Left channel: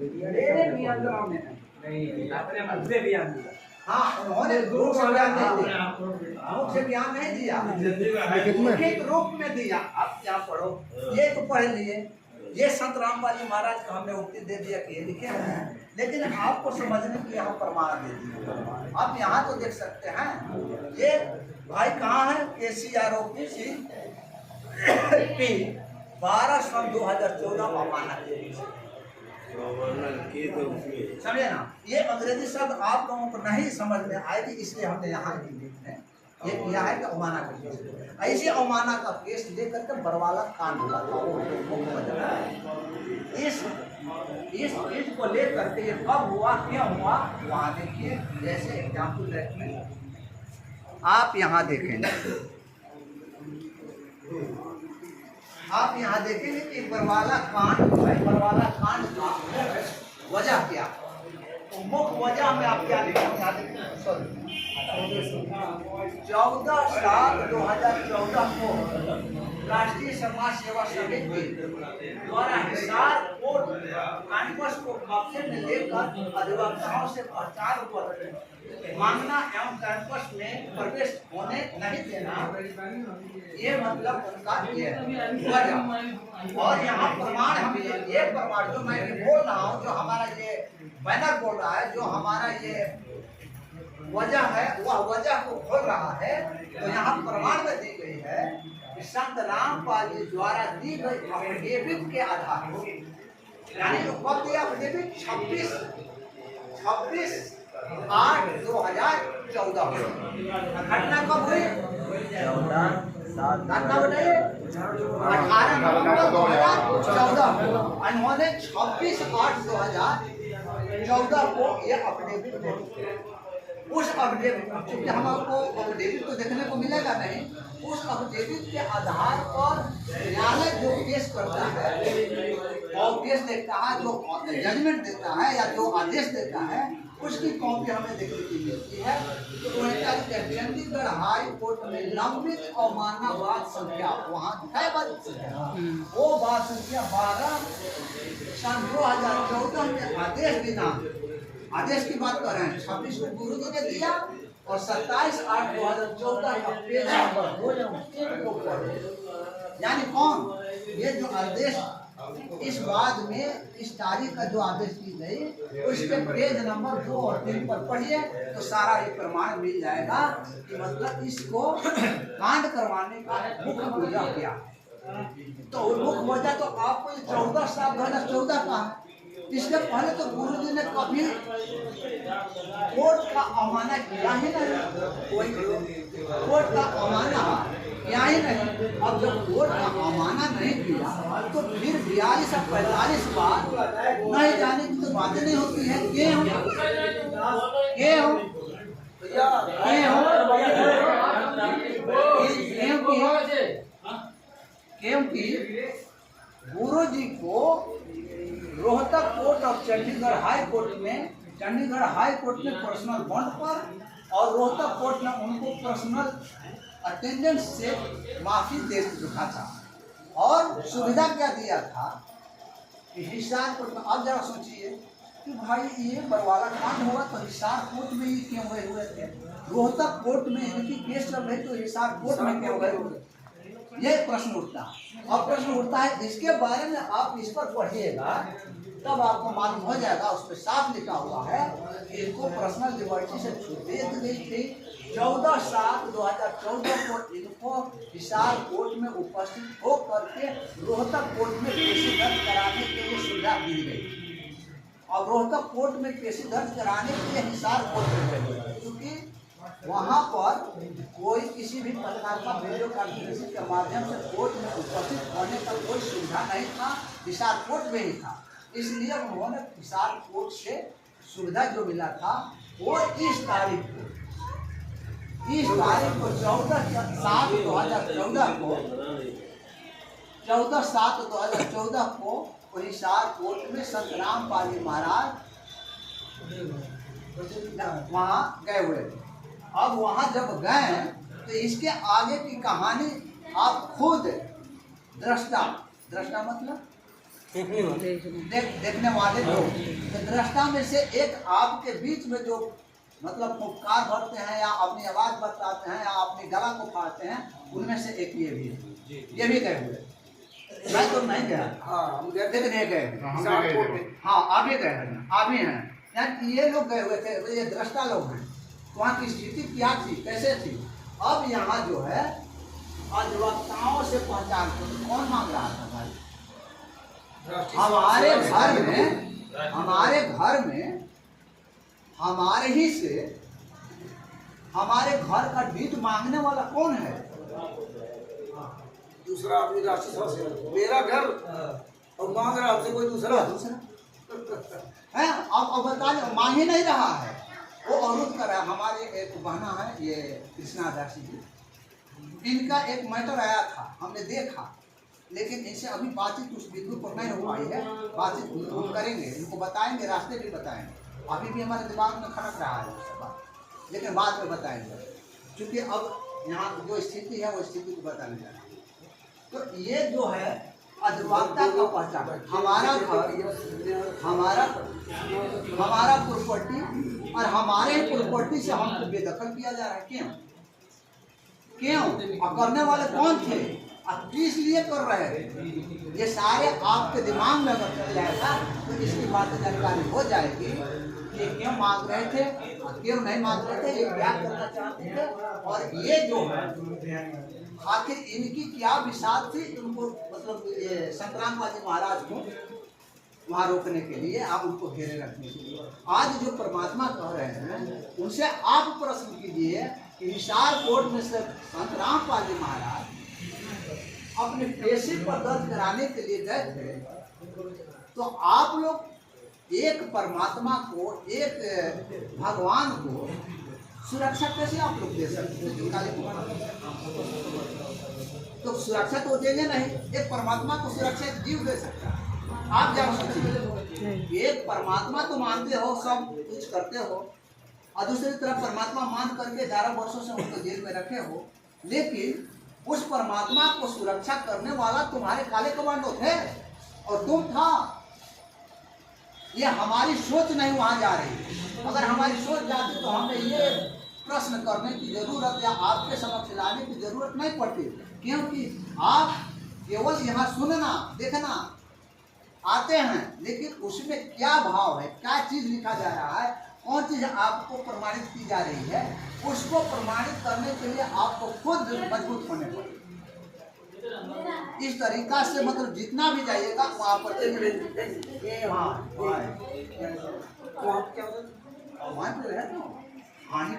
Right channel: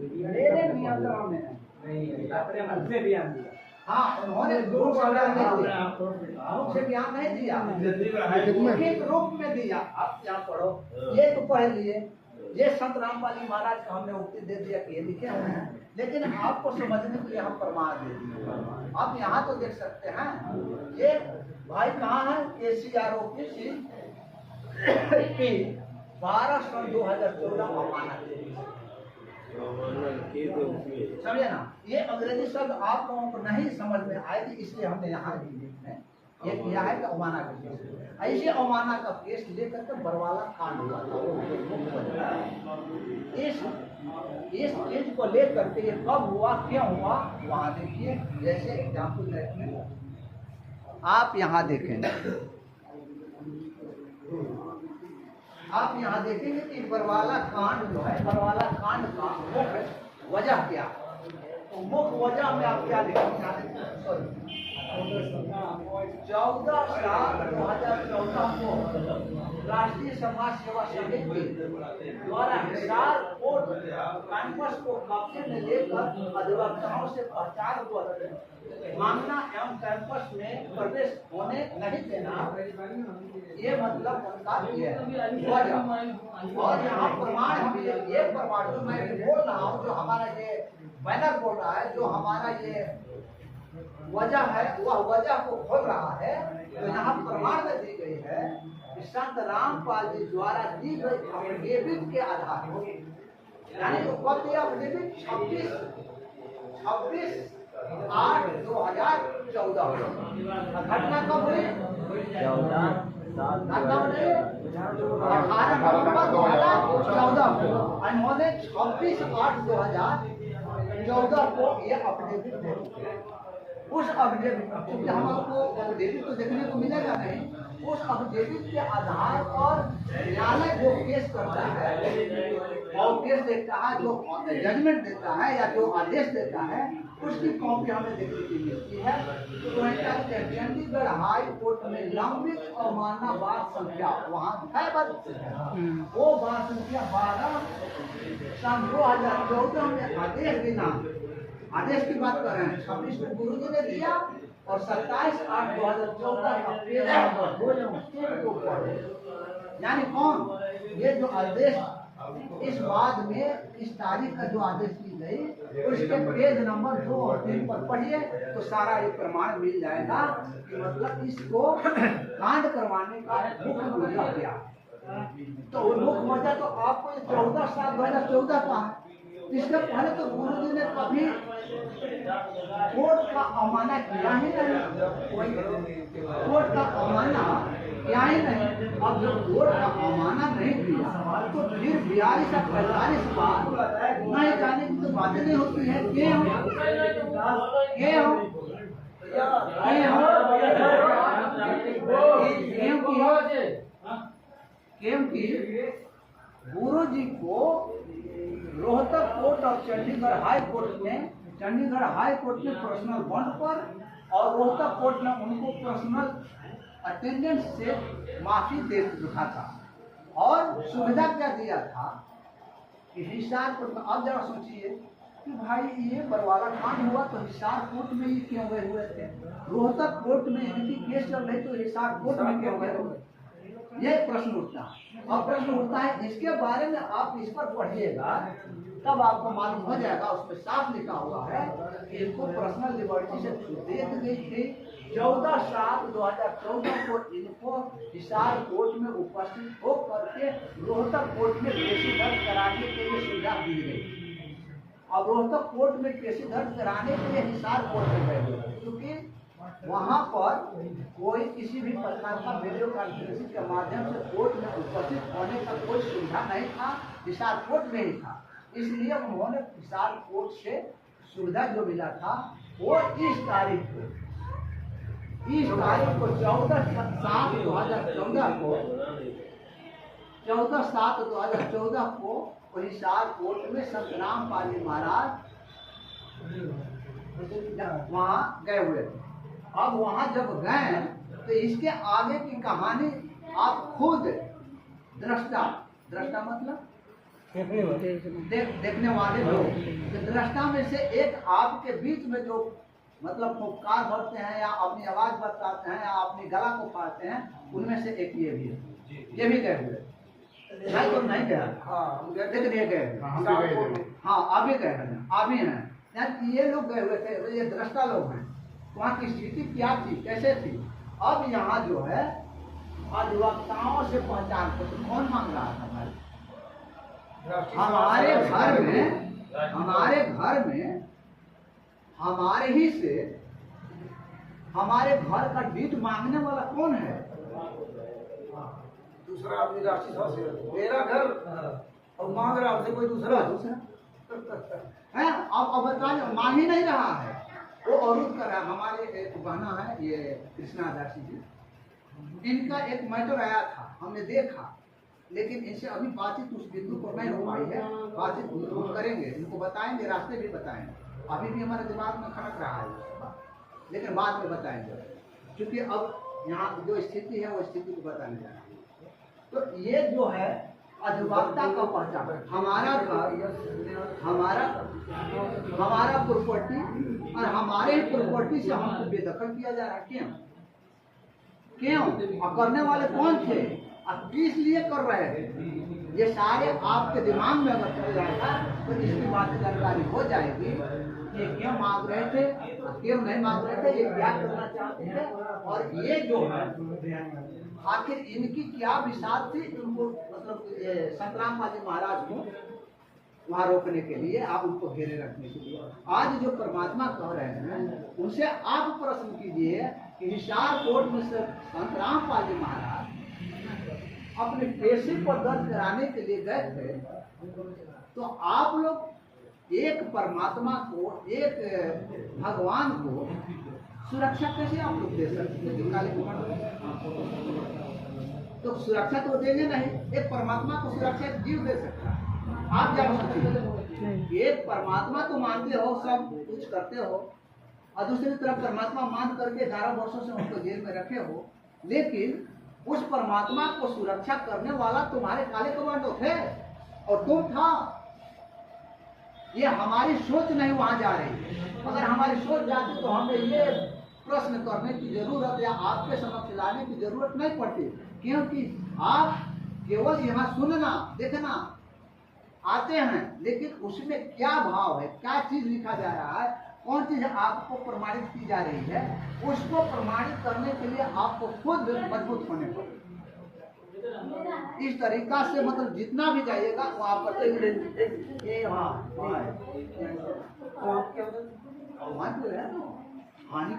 मेरे नियंत्रण में नहीं, अपने मन से बयान दिया। हाँ, उन्होंने रूप से बयान नहीं दिया, रूप से बयान नहीं दिया, लिखित रूप में दिया। आप क्या पढ़ो, ये तो पढ़ लिए, ये संत रामपाल जी महाराज को हमने उक्ति दे दिया कि ये लिखे हैं, लेकिन आपको समझने के लिए हम प्रमाण दे दिए। आप यहाँ तो देख सकते हैं, ये भाई कहाँ है, KCROPC 12 सन 2014 अमानत, समझे ना। ये अंग्रेजी शब्द आप लोगों को नहीं समझ में आएगी, इसलिए हमने यहाँ ये किया है कि अमाना का केस। ऐसे अमाना का केस लेकर के बरवाला कांड हुआ था। इस चीज को लेकर के ये कब हुआ, क्यों हुआ, वहाँ देखिए। जैसे एग्जाम्पल देखिए, आप यहाँ देखेंगे, आप यहाँ देखेंगे कि बरवाला कांड है, बरवाला कांड का वजह क्या, तो मुख्य वजह में आप क्या लिखेंगे, यहाँ देखेंगे, सॉरी 14/7/2014 को राष्ट्रीय समाज सेवा समिति द्वारा हिसार कोर्ट कैंपस को कब्जे में लेकर अधिवक्ताओं से पहचान पत्र मांगना एवं कैंपस में प्रवेश होने नहीं देना, ये मतलब उनका ये वजह। और यहाँ प्रमाण हम ये प्रमाण जो मैं बोल रहा हूँ, जो हमारा ये बैनर बोल रहा है, जो हमारा ये वजह है, वह वजह को खोल रहा है। तो यहाँ प्रमाण में दी गई है कि संत रामपाल जी द्वारा दी गई अफिडेविट के आधार पर, यानी जो कब दिया अफिडेविट 26/8/2014 घटना कब हुई, 14/7 घटना बताइए 18 नवंबर 2014 को इन्होंने 26/8/2014 को ये अफिडेविट दे। उस अफिडेविट, क्योंकि हम आपको अफिडेविट तो देखने को मिलेगा नहीं, उस अफिडेविट के आधार पर न्यायालय जो केस करता है और केस देखता है, जो जजमेंट देता है या जो आदेश देता है, उसकी कॉपी हमें देखने को मिलती है। तो चंडीगढ़ हाई कोर्ट में लंबित अवमानना वाद संख्या, वहाँ है बात संख्या, वो बात संख्या 12 सन 2014 में आदेश देना, आदेश की बात कर रहे हैं, 26 को गुरु जी ने दिया और 27/8/2014 का पेज नंबर 2 को पढ़े। यानी कौन, ये जो आदेश इस बाद में इस तारीख का जो आदेश दी गई, उसके पेज नंबर 2 और 3 पर पढ़िए तो सारा ये प्रमाण मिल जाएगा कि मतलब इसको कांड करवाने का मुख्य वजह क्या। तो मुख्य वजह तो आपको 14/7/2014 का है। इसके पहले तो गुरु जी ने कभी कोर्ट का अमाना किया ही नहीं, कोई कोर्ट का अमाना किया ही नहीं। अब जब कोर्ट का अमाना नहीं किया तो फिर 42 से 45 बार नहीं जाने की तो बातें नहीं होती है। क्योंकि गुरु जी को रोहतक कोर्ट और चंडीगढ़ हाई कोर्ट में पर्सनल बॉन्ड पर और रोहतक कोर्ट ने उनको पर्सनल अटेंडेंस से माफी दे रखा था और सुविधा क्या दिया था कि हिसार कोर्ट में। अब जरा सोचिए कि भाई ये बरवाला कांड हुआ तो हिसार कोर्ट में ही क्यों गए हुए थे, रोहतक कोर्ट में इनकी केस चल रही तो हिसार कोर्ट में क्यों गए हुए, ये प्रश्न उठता है। अब प्रश्न उठता है, इसके बारे में आप इस पर पढ़िएगा तब आपको मालूम हो जाएगा। उस पर साफ लिखा हुआ है कि इनको पर्सनल लिबर्टी से छूट दे दी गई थी। 14/7/2014 को इनको हिसार कोर्ट में उपस्थित होकर के रोहतक कोर्ट में केस दर्ज कराने के लिए सुविधा दी गई। अब रोहतक कोर्ट में केस दर्ज कराने के लिए हिसार कोर्ट में गए, क्योंकि वहाँ पर कोई किसी भी प्रकार का वीडियो कॉन्फ्रेंसिंग के माध्यम से कोर्ट में उपस्थित होने का कोई सुविधा नहीं था, हिसार कोर्ट में ही था। इसलिए उन्होंने हिसार कोर्ट से सुविधा जो मिला था वो इस तारीख को 14/7/2014 को हिसार कोर्ट में संत रामपाल जी महाराज वहाँ गए हुए थे। अब वहाँ जब गए तो इसके आगे की कहानी आप खुद दृष्टा मतलब देखने वाले लोग, तो दृष्टा में से एक आपके बीच में जो मतलब फुफकार भरते हैं या अपनी आवाज बताते हैं या अपनी गला को फाड़ते हैं, उनमें से एक ये भी है। ये भी गए हुए, मैं तो नहीं गया, लेकिन ये गए, हाँ आप ही गए हैं, आप ही हैं, यानी ये लोग गए हुए थे, तो ये दृष्टा लोग हैं। वहाँ की स्थिति क्या थी, कैसे थी। अब यहाँ जो है अधिवक्ताओं से पहचान को तो कौन मांग रहा था भाई? हमारे घर में हमारे ही से हमारे घर का डीट मांगने वाला कौन है? दूसरा आदमी राशि से मेरा घर और मांग रहा आपसे कोई दूसरा है। अब बताने मांग ही नहीं रहा है, वो अवरुद्ध कर रहा है। हमारे एक बहना है ये कृष्णा दासी जी, इनका एक मैटर आया था, हमने देखा, लेकिन इनसे अभी बातचीत उस बिंदु पर नहीं हो पाई है। बातचीत हम करेंगे, इनको बताएंगे, रास्ते भी बताएंगे। अभी भी हमारे दिमाग में खटक रहा है ये सब बात, लेकिन बाद में बताएंगे, क्योंकि अब यहाँ जो स्थिति है वो स्थिति को बताने जा रहा है। तो ये जो है अधिवक्ता का पहचान, हमारा घर, हमारा प्रॉपर्टी और हमारे प्रॉपर्टी से हमको बेदखल किया जा रहा है। क्यों? और करने वाले कौन थे और किस लिए कर रहे थे? ये सारे आपके दिमाग में अगर चल जाएगा तो इसकी बात जानकारी हो जाएगी कि क्यों मांग रहे थे और क्यों नहीं मांग रहे थे, ये क्या करना चाहते थे। और ये जो है आखिर इनकी क्या विषाद थी, इनको मतलब संतराम बाजी महाराज को वहाँ रोकने के लिए, आप उनको घेरे रखने के लिए। आज जो परमात्मा कह रहे हैं उनसे आप प्रश्न कीजिए कि हिसार कोर्ट में से संतराम बाजी महाराज अपने पेशे पर दर्ज कराने के लिए गए थे, तो आप लोग एक परमात्मा को, एक भगवान को सुरक्षा कैसे आप लोग दे सकते? तो सुरक्षा तो देंगे नहीं। एक परमात्मा को सुरक्षा एक जीव दे सकता है। आप क्या सोचिए, एक परमात्मा तो मानते हो, सब कुछ करते हो, और दूसरी तरफ परमात्मा मान करके 11 वर्षों से उनको जेल में रखे हो, लेकिन उस परमात्मा को सुरक्षा करने वाला तुम्हारे काले कमांडो थे और तुम था। ये हमारी सोच नहीं वहां जा रही। अगर हमारी सोच जाती तो हमें ये प्रश्न करने की जरूरत या आपके समक्ष लाने की जरूरत नहीं पड़ती, क्योंकि आप केवल यहाँ सुनना देखना आते हैं, लेकिन उसमें क्या भाव है, क्या चीज लिखा जा रहा है, कौन चीज आपको प्रमाणित की जा रही है, उसको प्रमाणित करने के लिए आपको खुद मजबूत होने पड़ेगा। इस तरीका से मतलब जितना भी जाइएगा वो आपको हानि